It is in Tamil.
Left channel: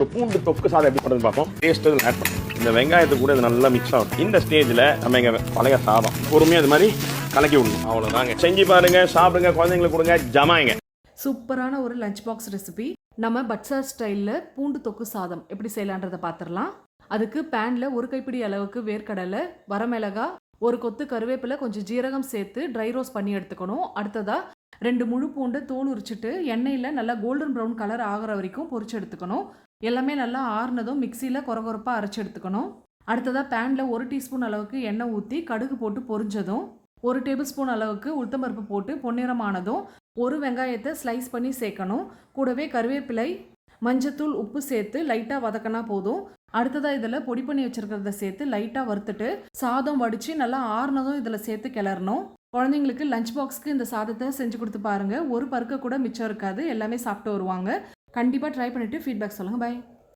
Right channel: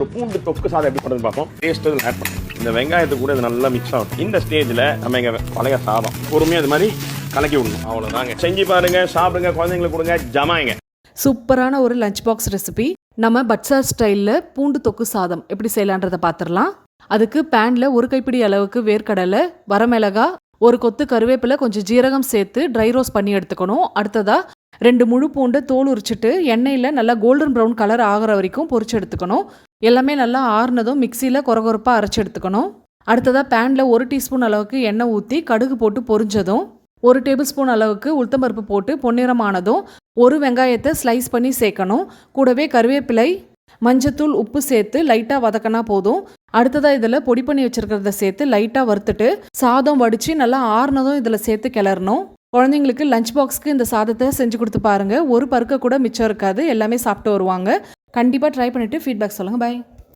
ஒரு பூண்டு தொக்கு சாதம் எப்படி பண்ணுறது பார்ப்போம். டேஸ்ட் இதில் ஆட் பண்ணும் இந்த வெங்காயத்து கூட இது நல்லா மிக்ஸ் ஆகும் இந்த ஸ்டேஜில் நம்ம இங்கே பழைய சாதம் பொறுமையாக இது மாதிரி கலக்கி விடணும். அவ்வளோதாங்க செஞ்சு பாருங்க சாப்பிடுங்க குழந்தைங்களுக்கு கொடுங்க ஜமாயிங்க சூப்பரான ஒரு லஞ்ச் பாக்ஸ் ரெசிபி நம்ம பட்சா ஸ்டைலில் பூண்டு தொக்கு சாதம் எப்படி செய்யலான்றதை பார்த்துடலாம். அதுக்கு பேனில் ஒரு கைப்பிடி அளவுக்கு வேர்க்கடலை வரமிளகா ஒரு கொத்து கருவேப்பிலை கொஞ்சம் ஜீரகம் சேர்த்து ட்ரை ரோஸ்ட் பண்ணி எடுத்துக்கணும். அடுத்ததாக ரெண்டு முழு பூண்டு தோல் உரிச்சிட்டு எண்ணெயில் நல்லா கோல்டன் ப்ரௌன் கலர் ஆகிற வரைக்கும் பொரிச்சு எடுத்துக்கணும். எல்லாமே நல்லா ஆறுனதும் மிக்சியில் கொரகொரப்பாக அரைச்சி எடுத்துக்கணும். அடுத்ததாக பேனில் ஒரு டீஸ்பூன் அளவுக்கு எண்ணெய் ஊற்றி கடுகு போட்டு பொரிஞ்சதும் ஒரு டேபிள் ஸ்பூன் அளவுக்கு உளுத்தம்பருப்பு போட்டு பொன்னிறமானதும் ஒரு வெங்காயத்தை ஸ்லைஸ் பண்ணி சேர்க்கணும். கூடவே கருவேப்பிலை மஞ்சத்தூள் உப்பு சேர்த்து லைட்டாக வதக்கினா போதும். அடுத்ததாக இதில் பொடி பண்ணி வச்சிருக்கிறத சேர்த்து லைட்டாக வறுத்துட்டு சாதம் வடித்து நல்லா ஆறுனதும் இதில் சேர்த்து கிளறணும். குழந்தைங்களுக்கு லஞ்ச் பாக்ஸ்க்கு இந்த சாதத்தை செஞ்சு கொடுத்து பாருங்கள் ஒரு பருக்க கூட மிச்சம் இருக்காது. எல்லாமே சாப்பிட்டு வருவாங்க. கண்டிப்பாக ட்ரை பண்ணிவிட்டு ஃபீட்பேக் சொல்லுங்கள் பை